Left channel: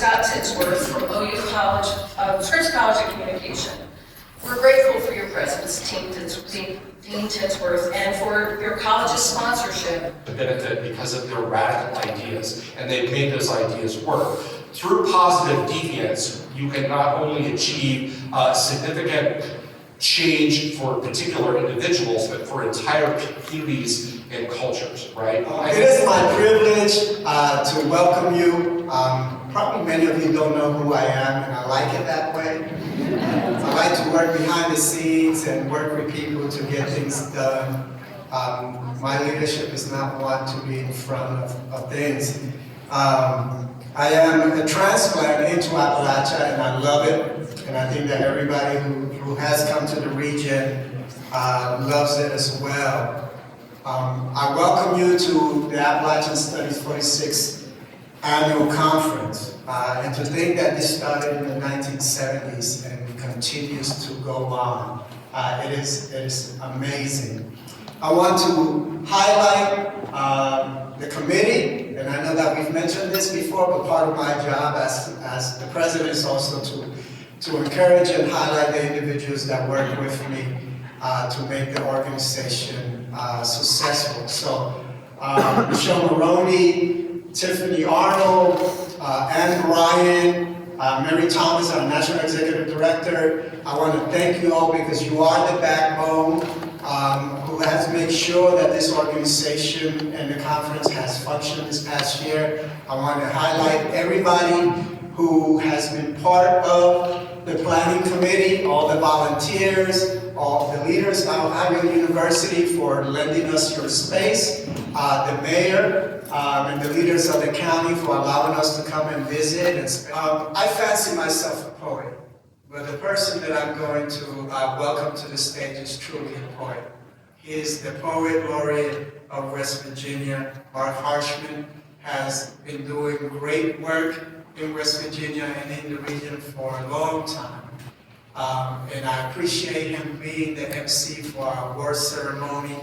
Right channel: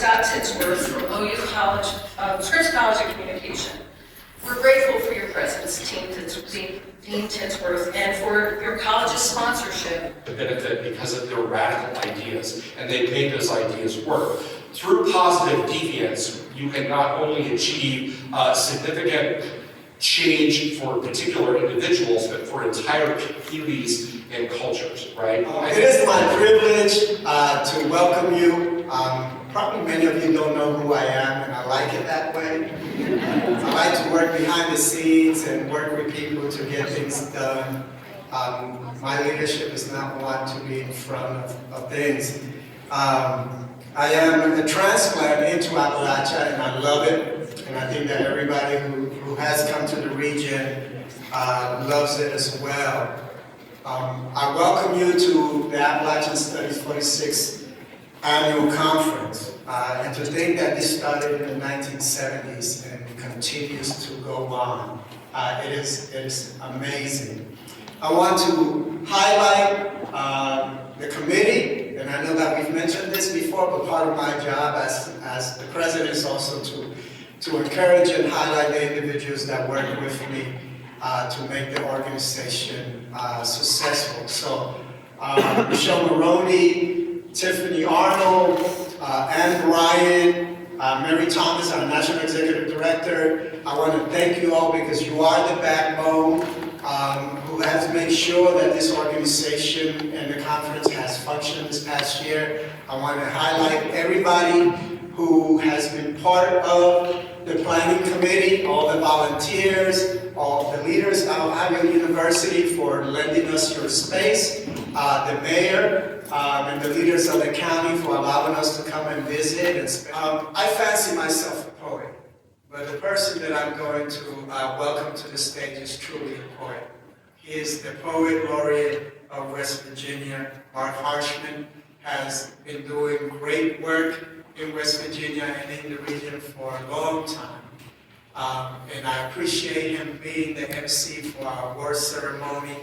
Scott Tinsworth from OU College, Scripps College of Communication. We're grateful for your presence, Dean Tinsworth, and for your college's sponsorship. The benefit because of their radical ideas, and they've made those ideas work. Through positive deviance, you can not only achieve significant change for particular individuals, but for entire communities and cultures, right? It is my privilege to welcome you. Probably many of you don't know who I am, and I like it that way. I like to work behind the scenes and work with people to get things done. My leadership is not one to be in front of things. I am a transplant into Appalachia, and I love it. And I think that everybody who has come to the region loves it as well. I welcome you to the Appalachian Studies 46th Annual Conference. And to think that this started in the 1970s and continues to go on, it is amazing. I want to highlight the committee, and I know that we've mentioned this before, but part of my job as the president is also to encourage and highlight the individuals that work with me to make the organization successful. So Michelle Maroney, Tiffany Arnold, Anne Ryan, Mary Thomas, our National Executive Director. I want to thank you all because you are the backbone who has made sure that this organization and the conference has functioned this past year. I want to highlight everybody who has been part of the planning committee, all the volunteers, all the leaders of Iowa University for lending us your space, the mayor, and the leaders of the county for allowing us to come and visit. I fancy myself a poet, but the person that I'm going to welcome to the stage is truly a poet. He is the poet laureate of West Virginia. Mark Harshman has been doing great work in West Virginia and in the region for a long time. And I appreciate him being the MC for our award ceremony.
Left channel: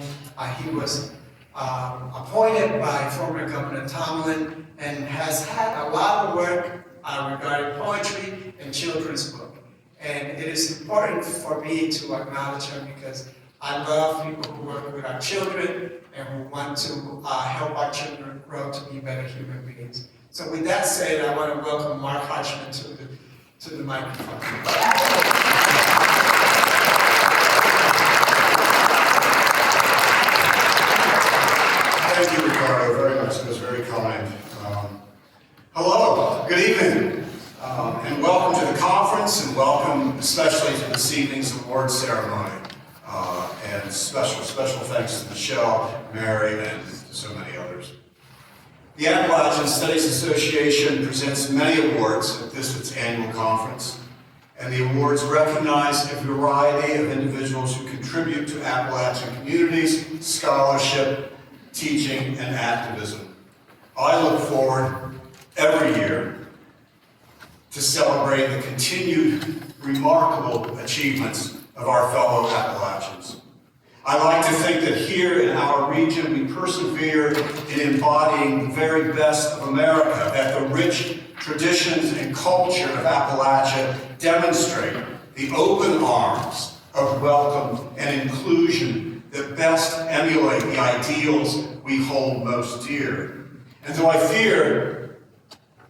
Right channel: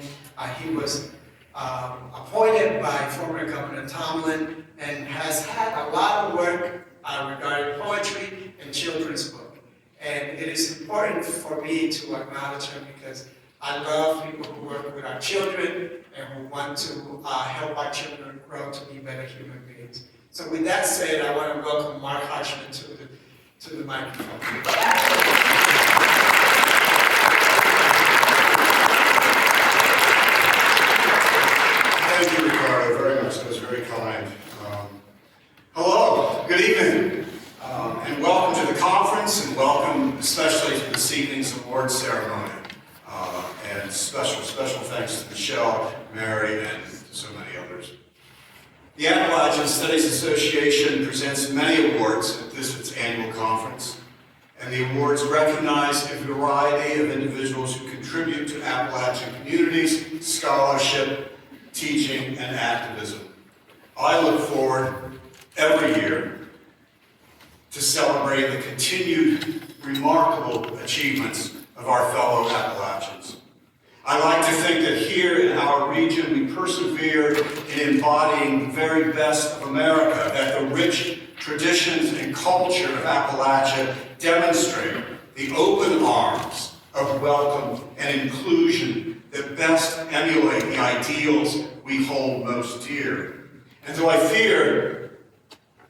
He was appointed by former Governor Tomlin and has had a lot of work regarding poetry and children's book. And it is important for me to acknowledge him because I love people who work with our children and who want to help our children grow to be better human beings. So with that said, I want to welcome Mark Harshman to the microphone. Thank you, Ricardo, very much. That was very kind. Hello, good evening, and welcome to the conference, and welcome especially to this evening's award ceremony. And special thanks to Michelle, Mary, and so many others. The Appalachian Studies Association presents many awards at its annual conference, and the awards recognize a variety of individuals who contribute to Appalachian communities, scholarship, teaching, and activism. I look forward every year to celebrate the continued remarkable achievements of our fellow Appalachians. I like to think that here in our region we persevere in embodying the very best of America, that the rich traditions and culture of Appalachia demonstrate the open arms of welcome and inclusion that best emulate the ideals we hold most dear. And though I fear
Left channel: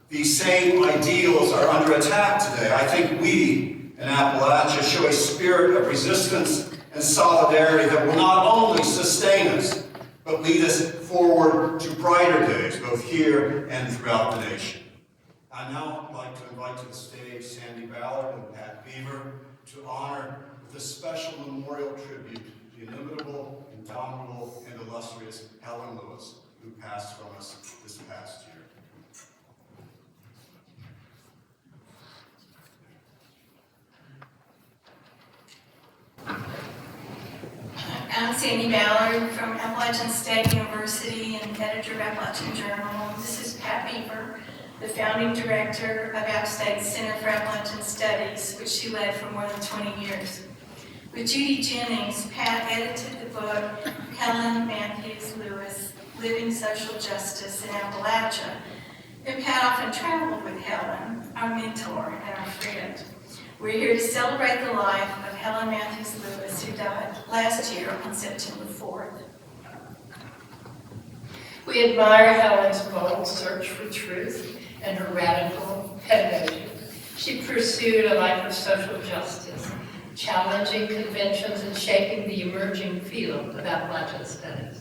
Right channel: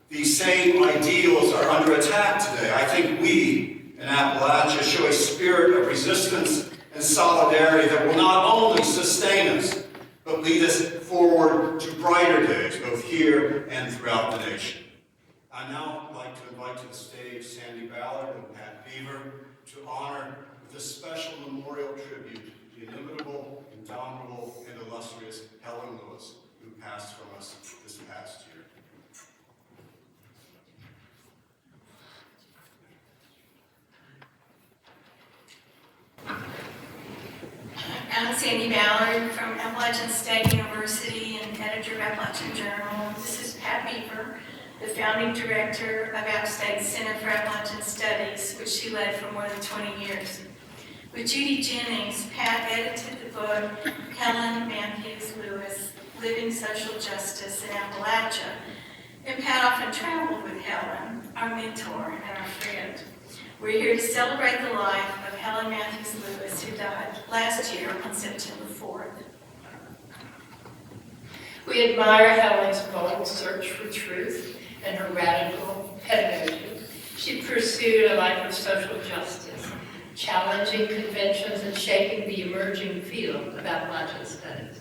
these same ideals are under attack today, I think we in Appalachia show a spirit of resistance and solidarity that will not only sustain us, but lead us forward to brighter days, both here and throughout the nation. I'd now like to invite to the stage Sandy Ballard and Pat Beaver to honor with a special memorial tribute to the inimitable, indomitable, and illustrious Helen Lewis, who passed from us this past year. I'm Sandy Ballard from Appalachian State University and editor of Appalachian Journal. This is Pat Beaver, the founding director of App State's Center for Appalachian Studies, which she led for more than 20 years. With Judy Jennings, Pat edited the book Helen Lewis, Living Social Justice in Appalachia. And Pat often traveled with Helen, our mentor and our friend. We're here to celebrate the life of Helen Lewis, who died last year on September 4th. We admire Helen's bold search for truth and her radical pedagogy. She pursued a life of social justice, challenging conventions and shaping the emerging field of Appalachian studies.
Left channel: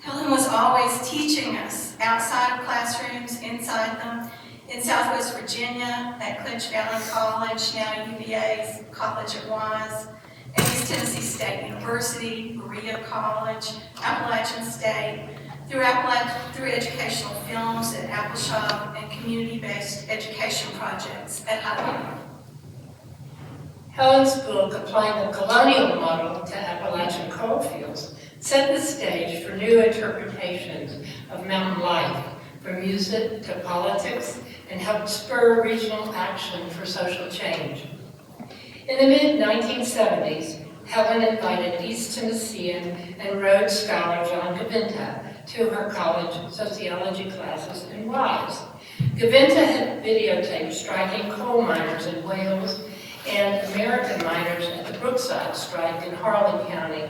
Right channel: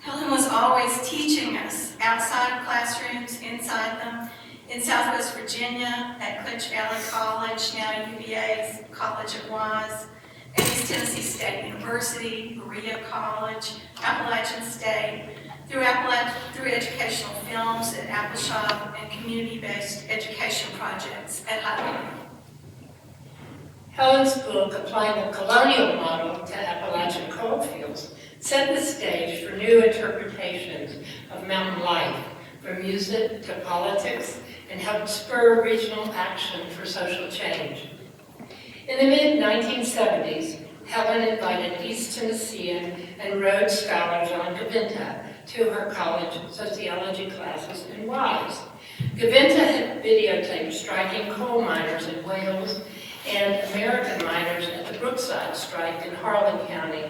Helen was always teaching us outside of classrooms, inside them, in Southwest Virginia, at Clinch Valley College, now UVA's College at Wise, at East Tennessee State University, Berea College, Appalachian State, through educational films at Appalachian and community-based education projects at High. Helen's book, Applying the Colonial Model to Appalachian Coalfields, set the stage for new interpretations of mountain life, from music to politics, and helped spur regional action for social change. In the mid-1970s, Helen invited East Tennessean and Rhodes Scholar John Gaventa to her college sociology classes in Wise. Gaventa had videotaped striking coal miners in Wales and American miners at the Brookside strike in Harlan County.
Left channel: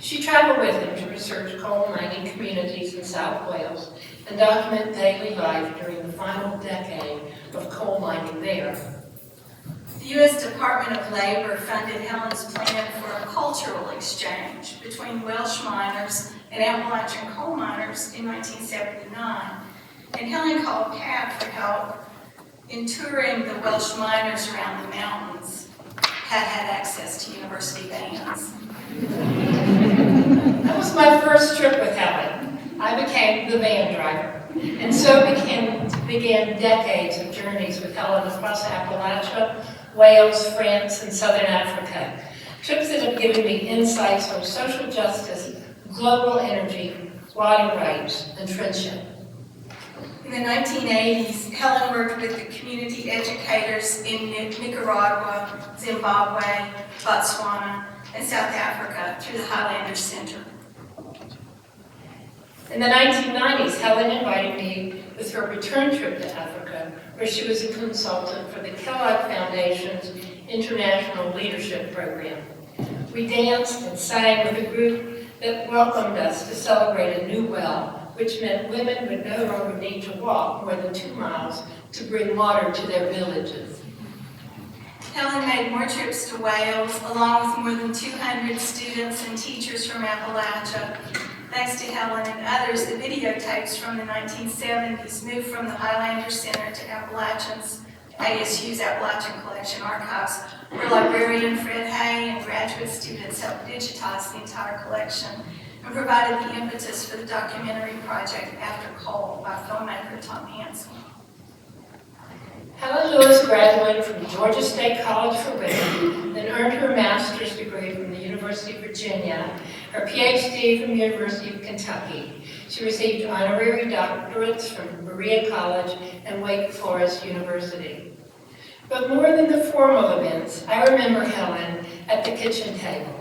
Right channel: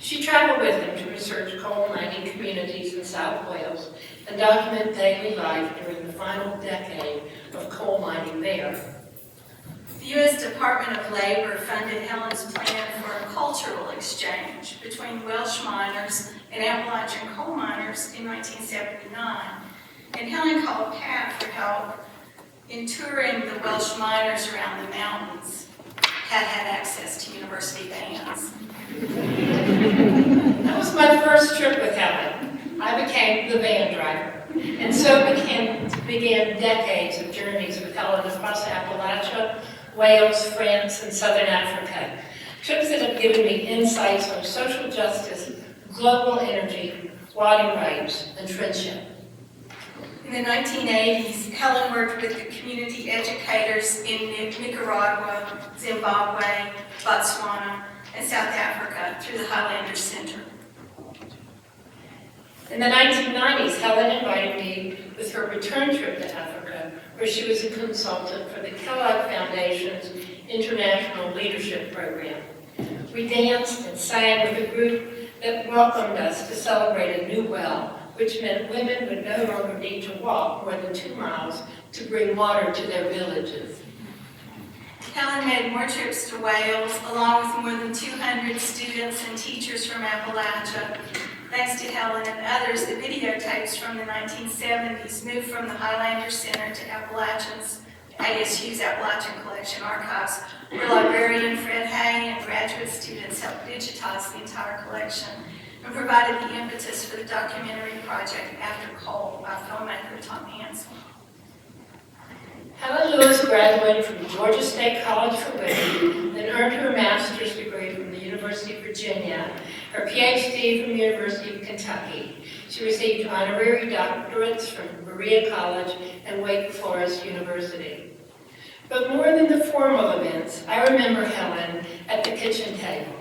She traveled with him to research coal mining communities in South Wales and document daily life during the final decade of coal mining there. The U.S. Department of Labor funded Helen's plan for a cultural exchange between Welsh miners and Appalachian coal miners in 1979, and Helen called Pat for help in touring the Welsh miners around the mountains. Pat had access to university bands. That was my first trip with Helen. I became the van driver, and so began decades of journeys with Helen across Appalachia, Wales, France, and Southern Africa. Trips that have given me insights on social justice, global energy, water rights, and friendship. In the 1980s, Helen worked with the community educators in Nicaragua, Zimbabwe, Botswana, and South Africa through the Highlander Center. In the 1990s, Helen invited me with her return trip to Africa, where she was a consultant for the Kellogg Foundation's International Leadership Program. We danced and sang with a group that welcomed us to celebrate a new well, which meant women would no longer need to walk more than 2 miles to bring water to their villages. Helen made more trips to Wales, along with more than 200 students and teachers from Appalachia. Thanks to Helen and others, the videotapes from the 1970s moved from the Highlander Center to ASU's Appalachian Collection Archives, where librarian Fred Hay and graduate students helped digitize the entire collection and provided the impetus for the documentary project After Coal by filmmaker Tom Hansen. Helen Lewis graduated from Georgia State College for Women and earned her master's degree from the University of Virginia, her PhD from the University of Kentucky. She received honorary doctorates from Berea College and Wake Forest University. But more than the formal events, I remember Helen at the kitchen table,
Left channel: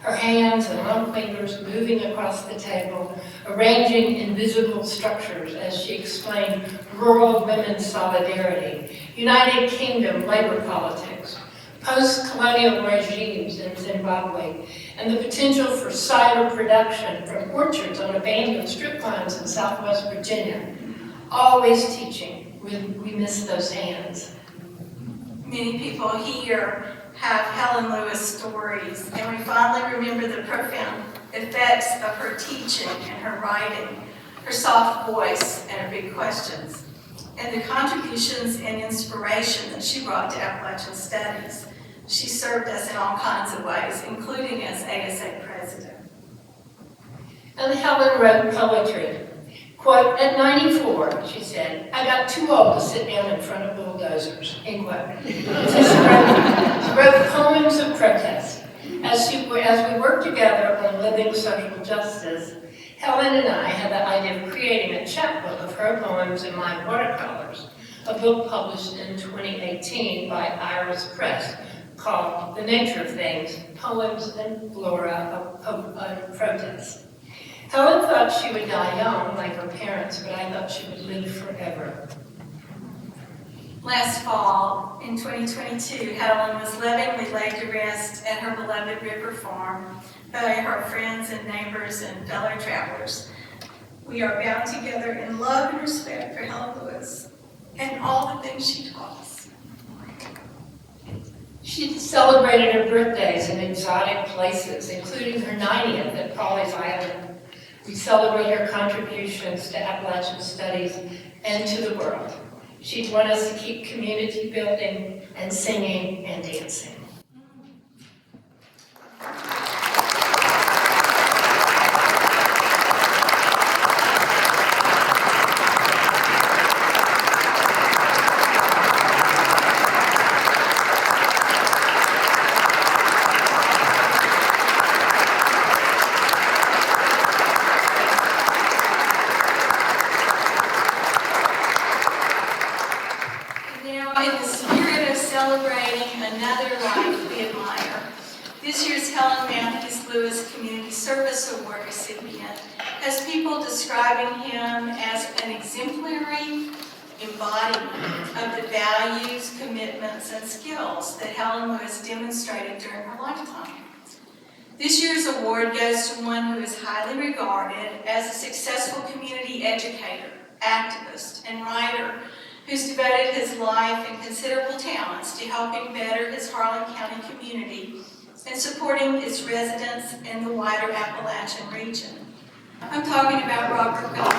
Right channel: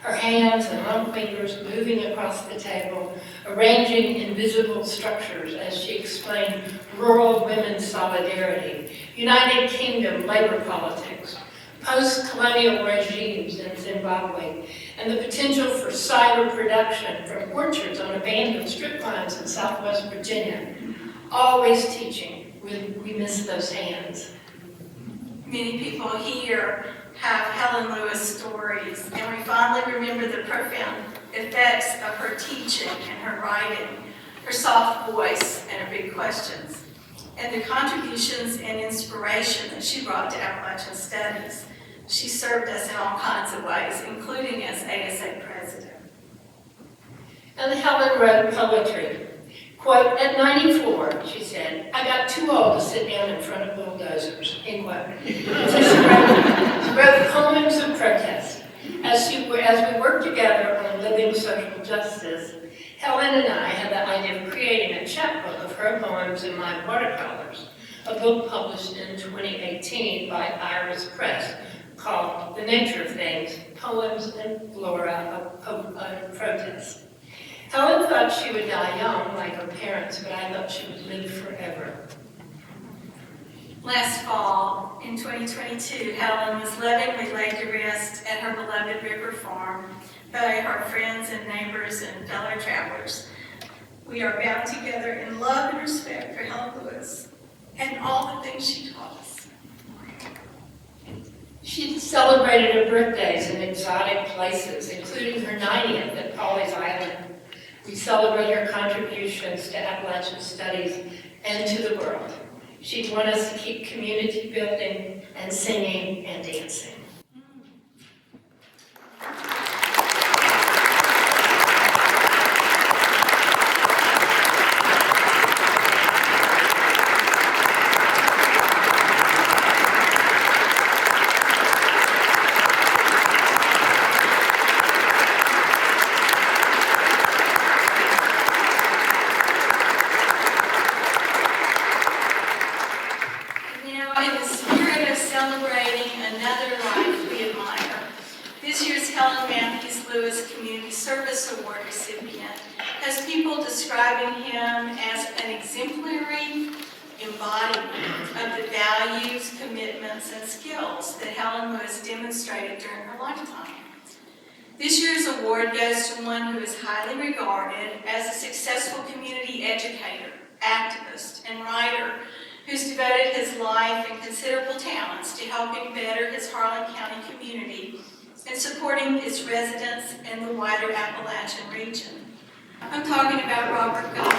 her hands and long fingers moving across the table, arranging invisible structures as she explained rural women's solidarity, United Kingdom labor politics, post-colonial regimes in Zimbabwe, and the potential for cider production from orchards on abandoned strip mines in Southwest Virginia. Always teaching, we miss those hands. Many people here have Helen Lewis stories, and we fondly remember the profound effects of her teaching and her writing, her soft voice and her big questions, and the contributions and inspiration that she brought to Appalachian studies. She served us in all kinds of ways, including as ASA president. And Helen wrote poetry. Quote, at 94, she said, I got too old to sit down in front of bulldozers, end quote. So she wrote poems of protest. As we worked together on living social justice, Helen and I had the idea of creating a chapbook of her poems and my watercolors, a book published in 2018 by Iris Press called The Nature of Things, Poems and Flora of Protest. Helen thought she would die young, like her parents, but I thought she would live forever. Last fall, in 2022, Helen was lovingly laid to rest at her beloved River Farm by her friends and neighbors and fellow travelers. We are bound together in love and respect for Helen Lewis and all the things she taught us. She celebrated her birthdays in exotic places, including her 90th at Pawleys Island. We celebrate her contributions to Appalachian studies and to the world. She'd want us to keep community building and singing and dancing. Award recipient has people describing him as an exemplary embodiment of the values, commitments, and skills that Helen Lewis demonstrated during her lifetime. This year's award goes to one who is highly regarded as a successful community educator, activist, and writer who's devoted his life and considerable talents to helping better his Harlan County community and supporting its residents in the wider Appalachian region. I'm talking about Robert Gipe.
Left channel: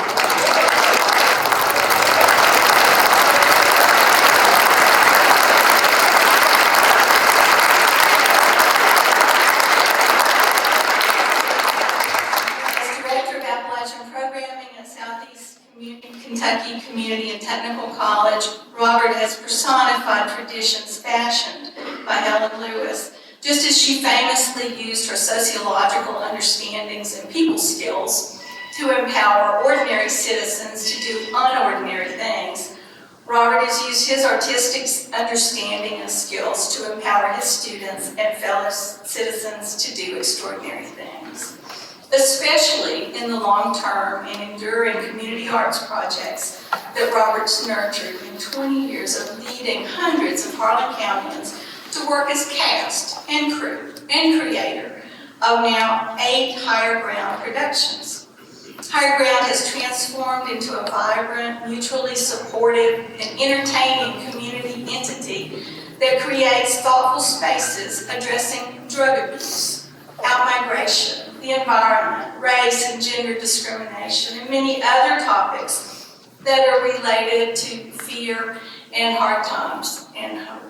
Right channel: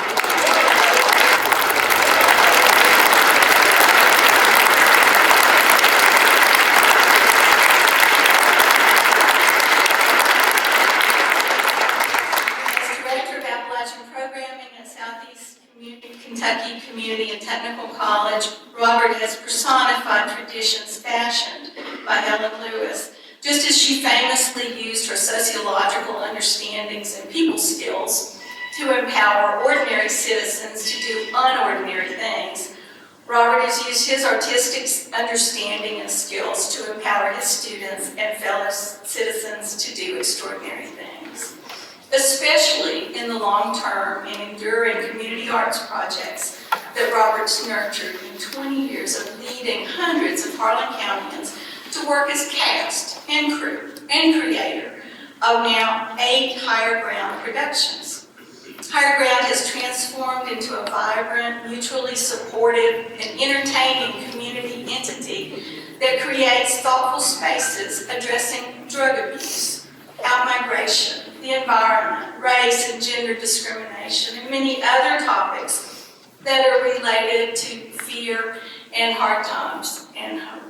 Kentucky Community and Technical College, Robert has personified traditions fashioned by Helen Lewis, just as she famously used her sociological understandings and people skills to empower ordinary citizens to do unordinary things. Robert has used his artistic understanding and skills to empower his students and fellow citizens to do extraordinary things, especially in the long-term and enduring community arts projects that Robert's nurtured in 20 years of leading hundreds of Harlan Countyans to work as cast and crew and creator of now 8 Higher Ground productions. Higher Ground has transformed into a vibrant, mutually supportive, and entertaining community entity that creates thoughtful spaces addressing drug abuse, outmigration, the environment, race and gender discrimination, and many other topics that are related to fear and hard times and hope.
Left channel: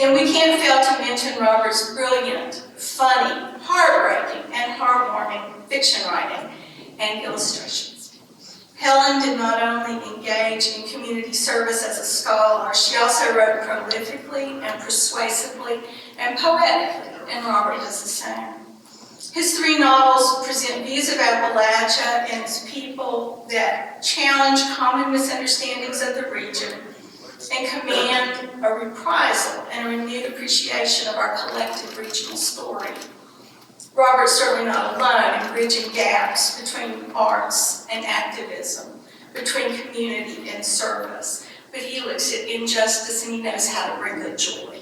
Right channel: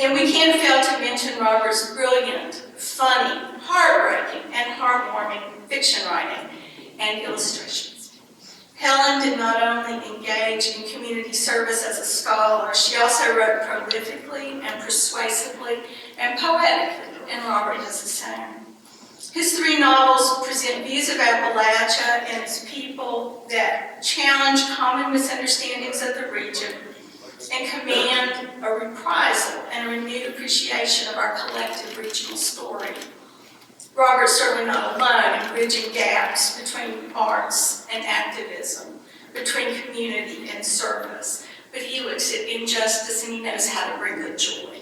And we can't fail to mention Robert's brilliant, funny, heartbreaking, and heartwarming fiction writing and illustrations. Helen did not only engage in community service as a scholar, she also wrote prolifically and persuasively and poetically, and Robert does the same. His 3 novels present views of Appalachia and its people that challenge common misunderstandings of the region and command a reprisal and a renewed appreciation of our collective regional story. Robert's certainly not alone in bridging gaps between arts and activism, between community and service, but he looks at injustice and he knows how to bring the joy.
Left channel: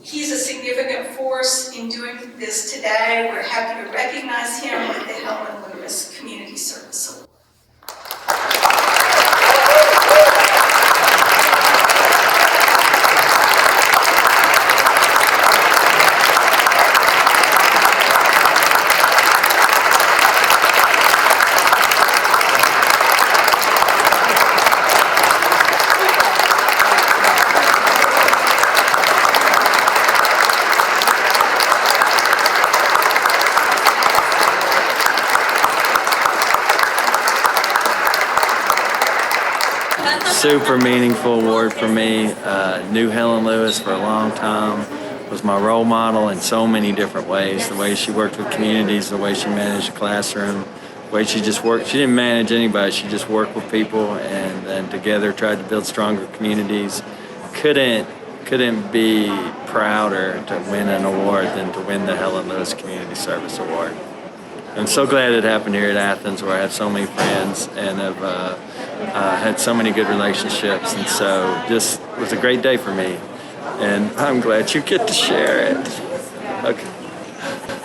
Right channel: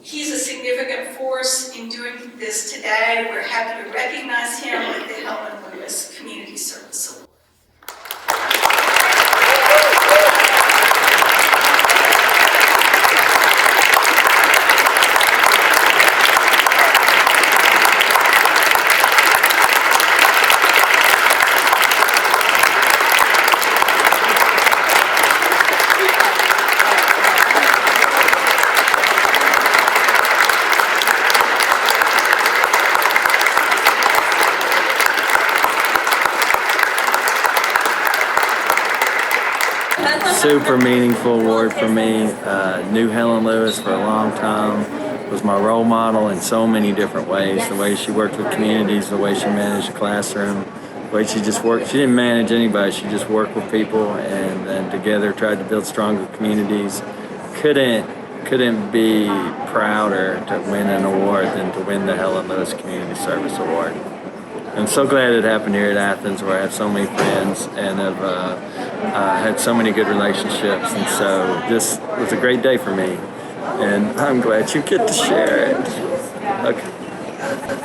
He's a significant force in doing this today. We're happy to recognize him with the Helen Lewis Community Service Award. Super meaningful award for me. Knew Helen Lewis for a long time, was my role model in so many different ways. The way she worked with communities, the way she managed the classroom, the way she just worked. She didn't manage anybody, she just worked with people and then together tried to build stronger communities. Couldn't couldn't be prouder to win an award than to win the Helen Lewis Community Service Award. I'm so glad it happened here at Athens, where I have so many friends and have had so many good relationships, and so this was a great day for me, and I'm glad you get to share it. Okay.